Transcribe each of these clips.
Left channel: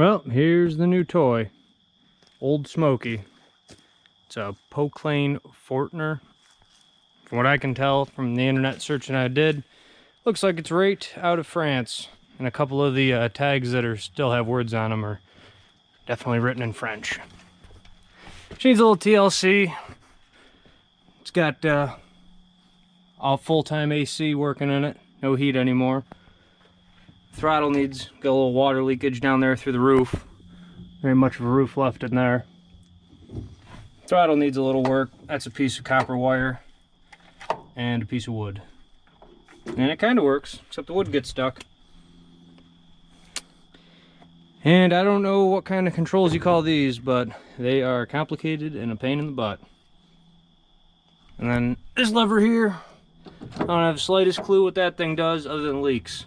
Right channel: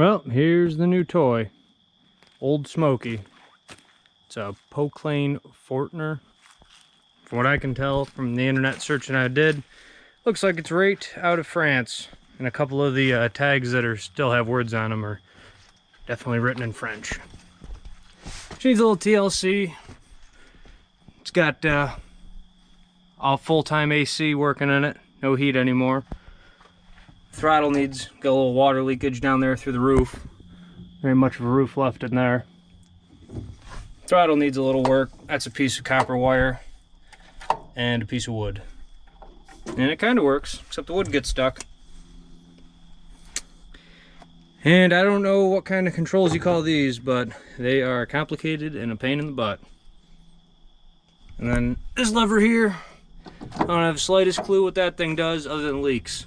Well, here's the new toy. Old Smokey. It's a Poclain Fortner. From what I can tell from the internet searching I did, looks like it's right out of France. And a couple of the tags that still have words on them are definitely written in French. She needs a little TLC. It's got all full-time AC working in it. No heat anymore. Throttle needs, got a little water leakage down there through the roof. Very much of a roof left in there. Throttle needs a little work. That's a piece of copper wire and a piece of wood. And it kind of works, except the wood gets stuck. And I don't know what kind of controls you call these, but they are complicated and a pain in the butt. And then this lever here, I don't have the slightest clue what that thing does other than leaks.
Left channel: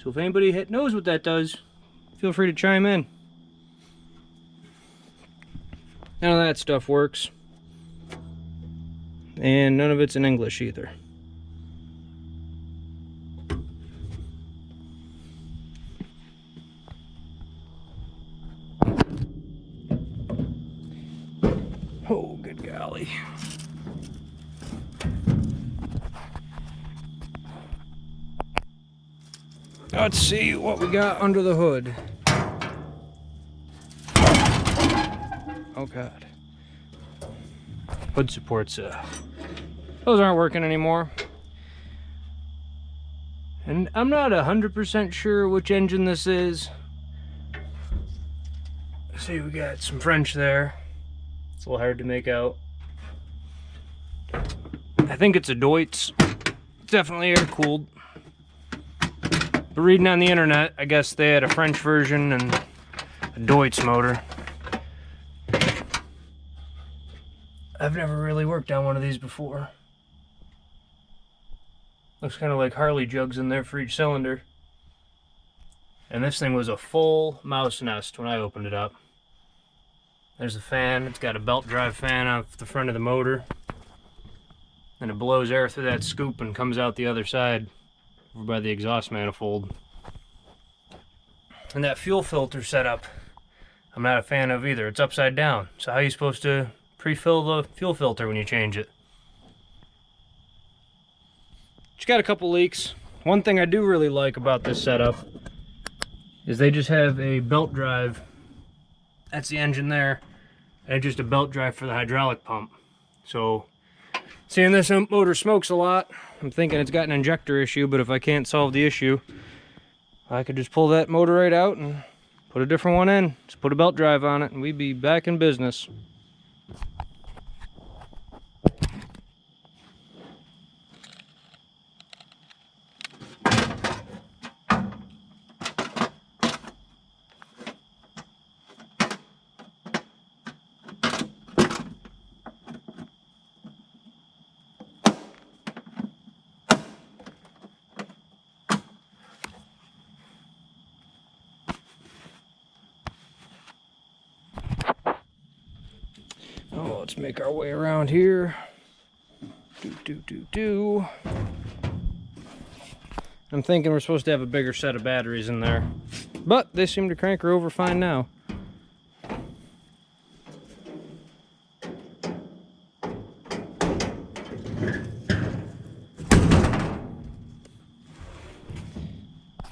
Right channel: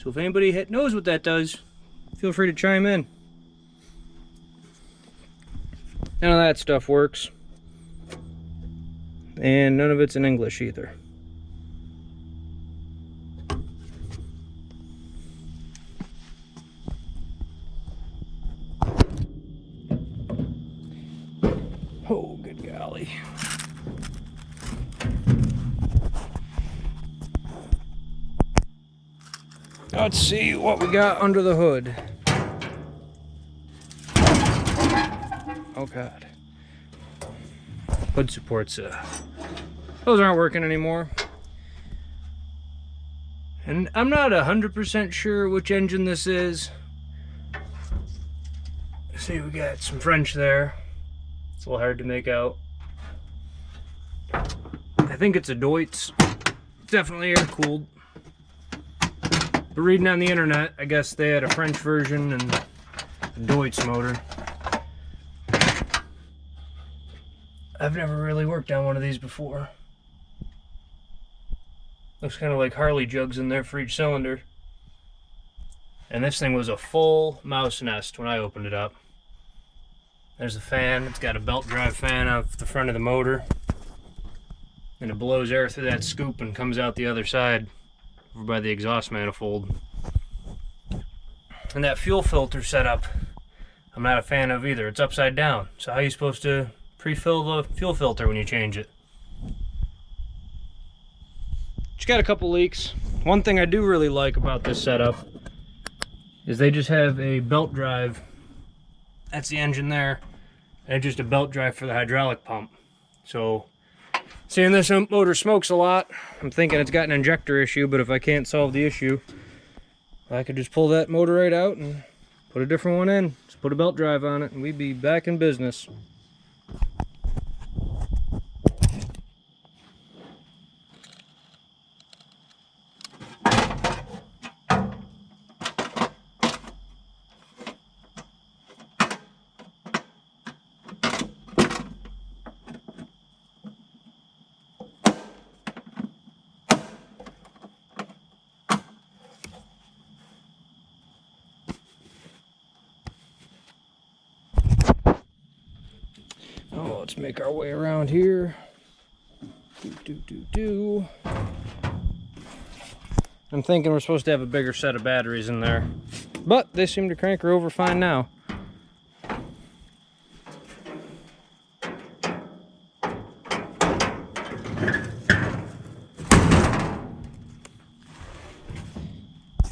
So if anybody knows what that does, feel free to chime in. None of that stuff works. And none of it's in English either. Oh, good golly. Let's see what we got under the hood. Oh God. Hood supports, those aren't working anymore. And I'm not 100% sure which engine this is. Let's see, we got some French there. It's a little hard to make out. I think it's a Deutz. It's definitely air-cooled. But reading on the internet, I guess they had a French version and a Deutz motor. I've never really worked on one of these before. Looks kind of like Harley jugs in there for each cylinder. And this thing was a full mouse nest when I opened it up. There's a fan. It's got a belt drive fan off the front of the motor. And it blows air through that scoop and comes out the other side over by the exhaust manifold. And that fuel filter setup, I'm not a fan of either. It's upside down. So how are you supposed to pre-fill the fuel filter when you change it? It's got a couple leaks. One thing I do really like about this setup is they just have a belt drive. That's the engine there, and just a belt drive for the hydraulic pump. So, seeing this motor smokes a lot, I'm thinking it's got an injector issue, but if I can't solve the issue, I could just pull that motor right out and put a different one in. Just put a belt drive on it, and we'd be back in business. Oh, let's make our way around here. I'm thinking we're supposed to have a bigger set of batteries in there, but they seem to crank her over fine now.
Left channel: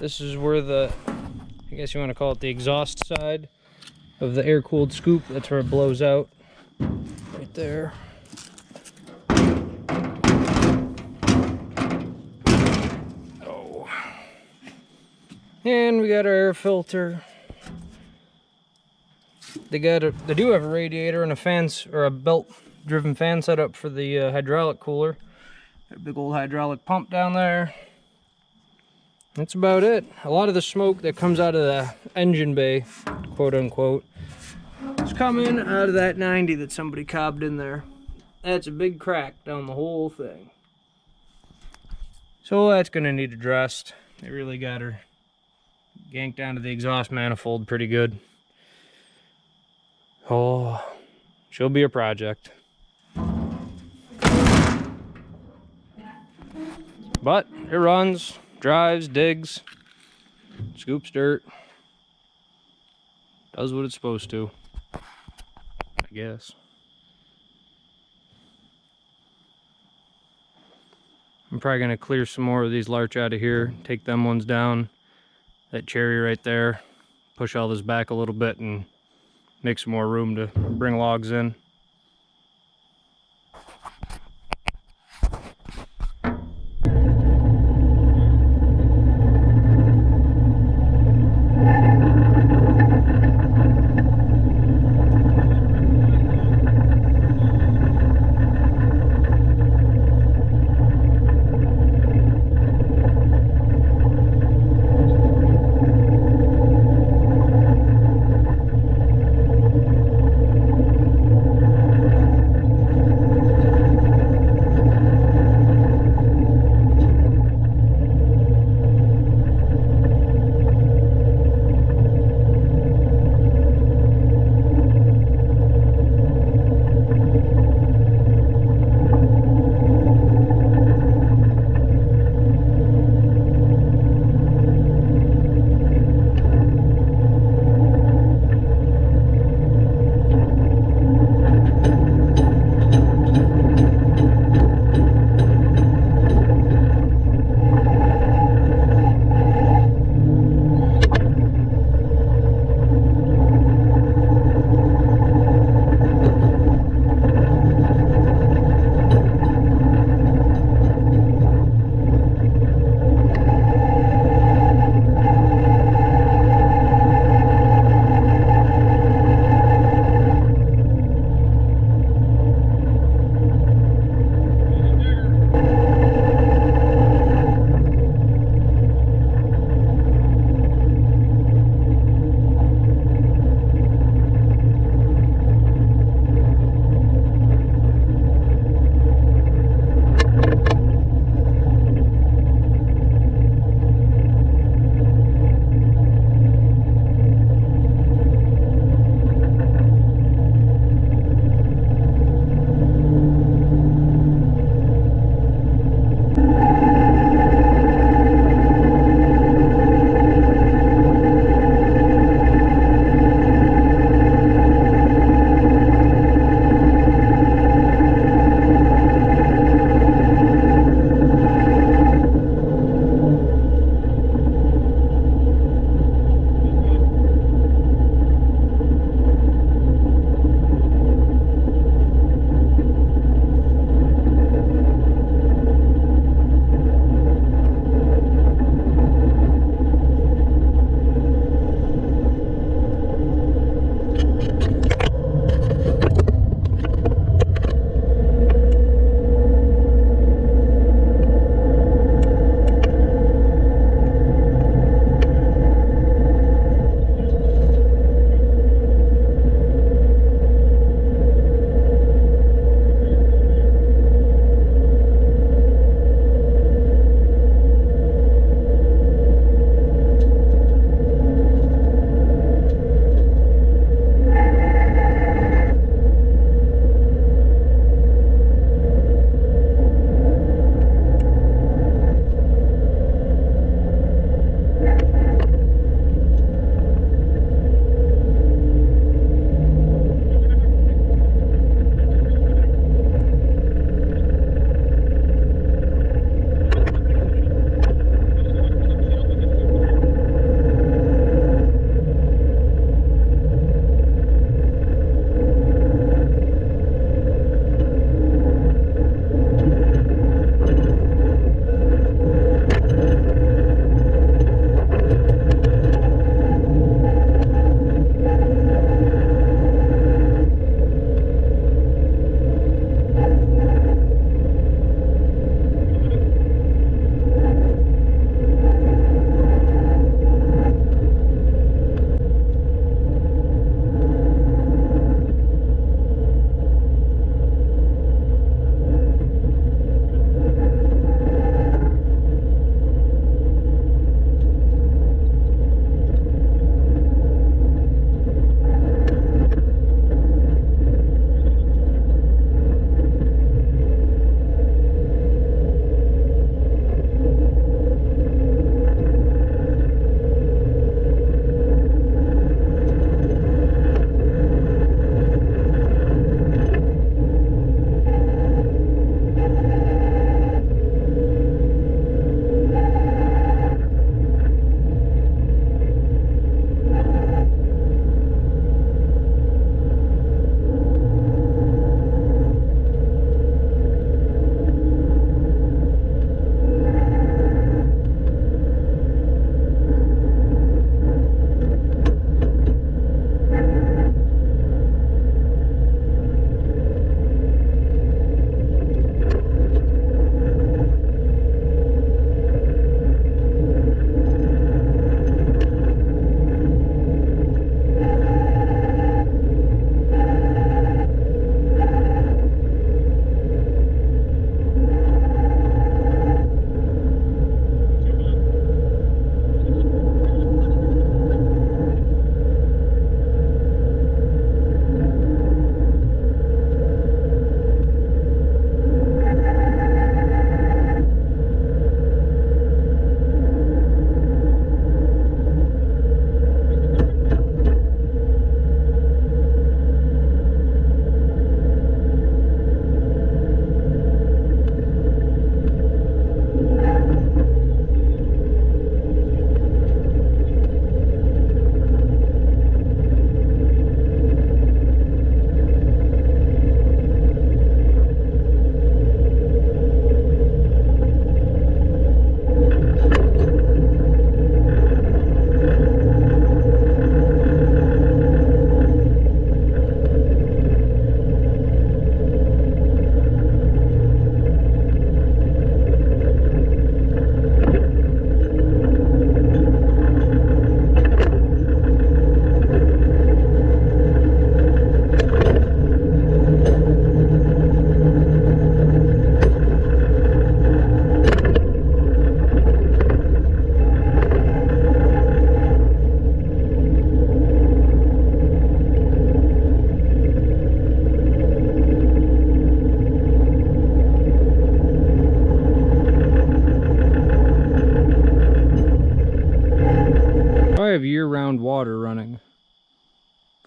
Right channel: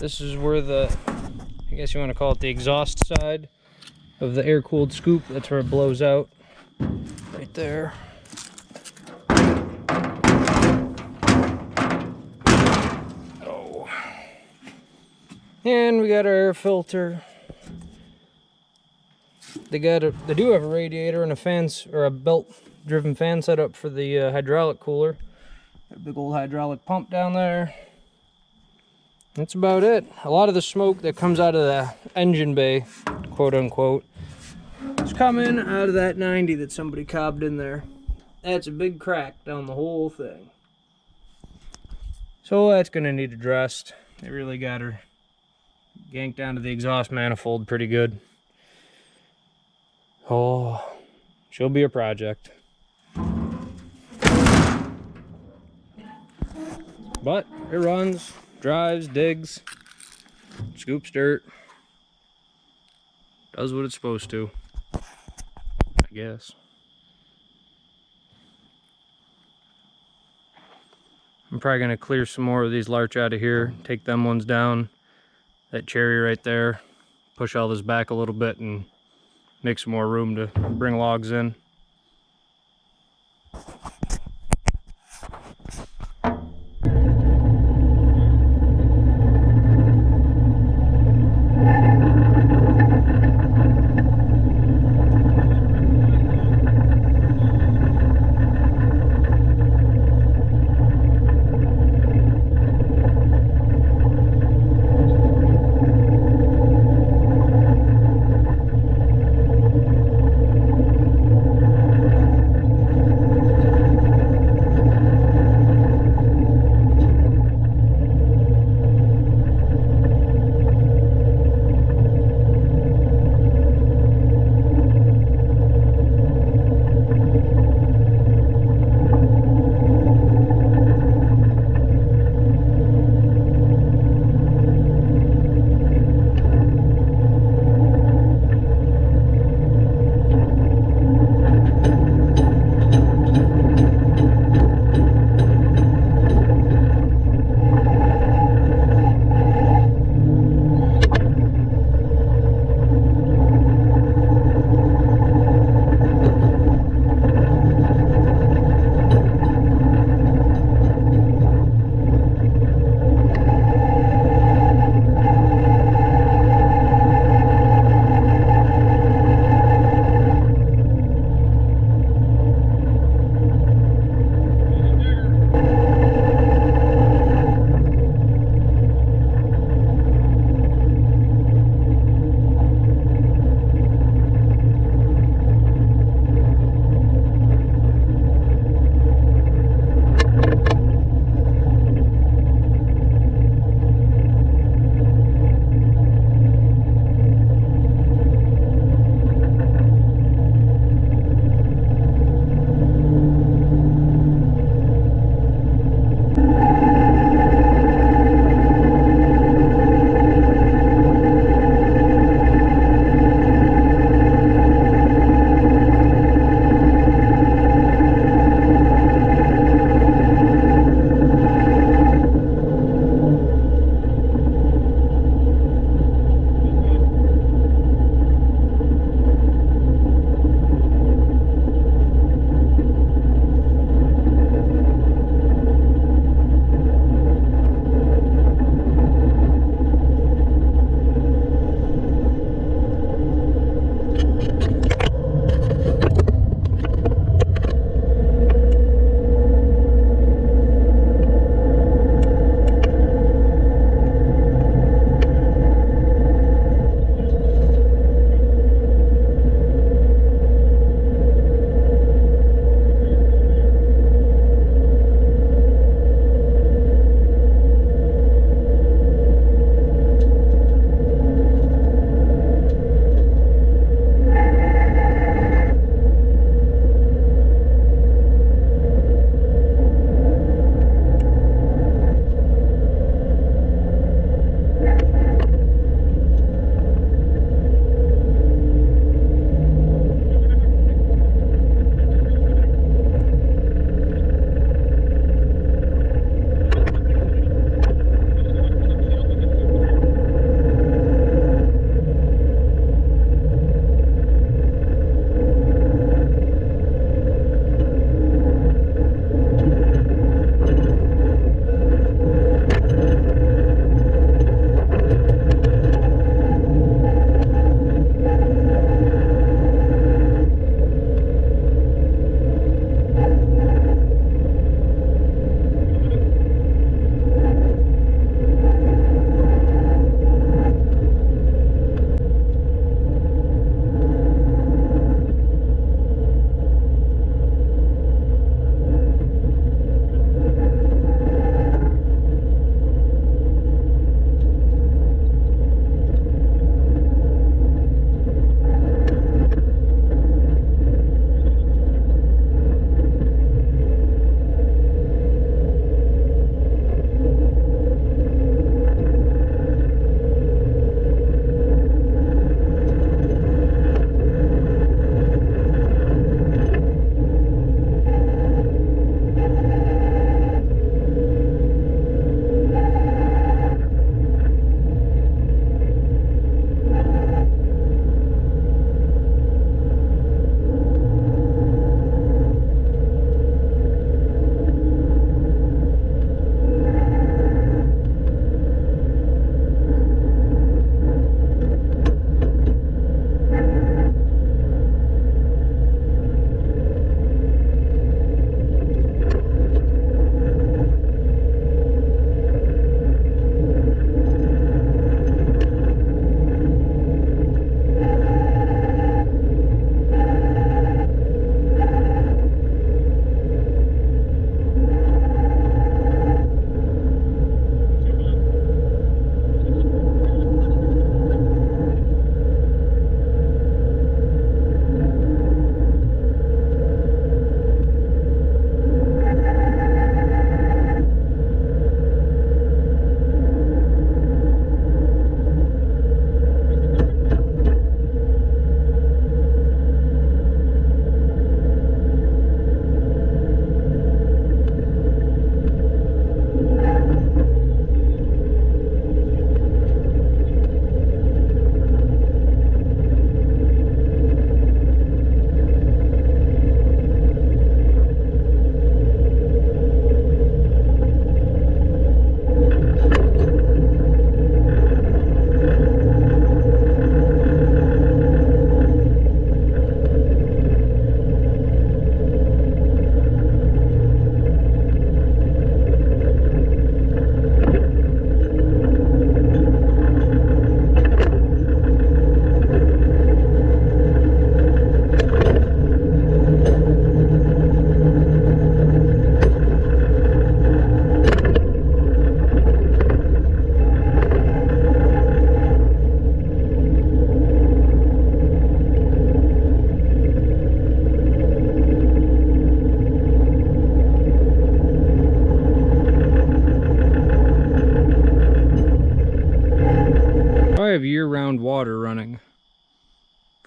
This is where I guess you want to call it the exhaust side of the air-cooled scoop. That's where it blows out. Right there. Oh. And we got our air filter. They do have a radiator and a fans, or a belt-driven fan setup for the hydraulic cooler. Got a big old hydraulic pump down there. That's about it. A lot of the smoke that comes out of the engine bay, quote unquote, is coming out of that 90 that somebody cobbed in there. That's a big crack down the whole thing. So that's gonna need addressed. They really got her ganked onto the exhaust manifold pretty good. Oh, she'll be a project. But it runs, drives, digs, scoops dirt. Does what it's supposed to, I guess. I'm probably going to clear some more of these larch out of here, take them ones down, that cherry right there, push all this back a little bit and make some more room to bring logs in.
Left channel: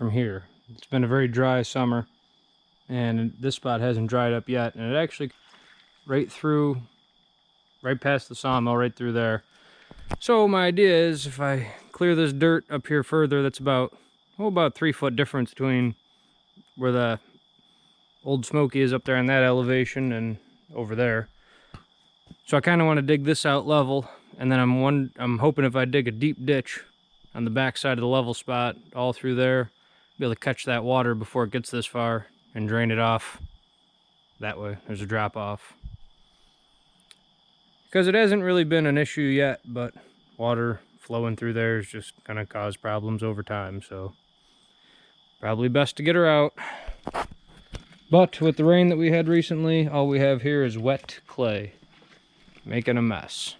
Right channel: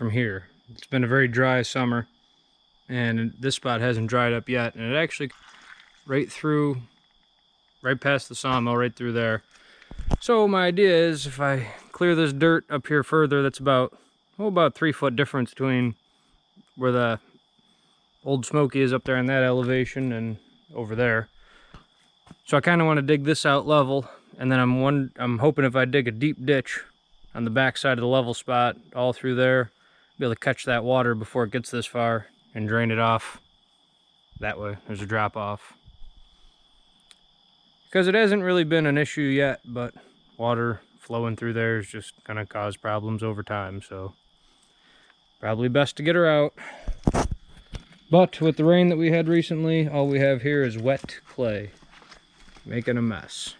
from here. It's been a very dry summer, and this spot hasn't dried up yet, and it actually right past the sawmill, right through there. So my idea is, if I clear this dirt up here further, that's about 3 foot difference between where the Old Smokey is up there on that elevation and over there. So I kind of want to dig this out level, and then I'm hoping if I dig a deep ditch on the back side of the level spot all through there, be able to catch that water before it gets this far and drain it off. That way there's a drop off. Because it hasn't really been an issue yet, but water flowing through there is just going to cause problems over time, so probably best to get her out. But with the rain that we had recently, all we have here is wet clay, making a mess.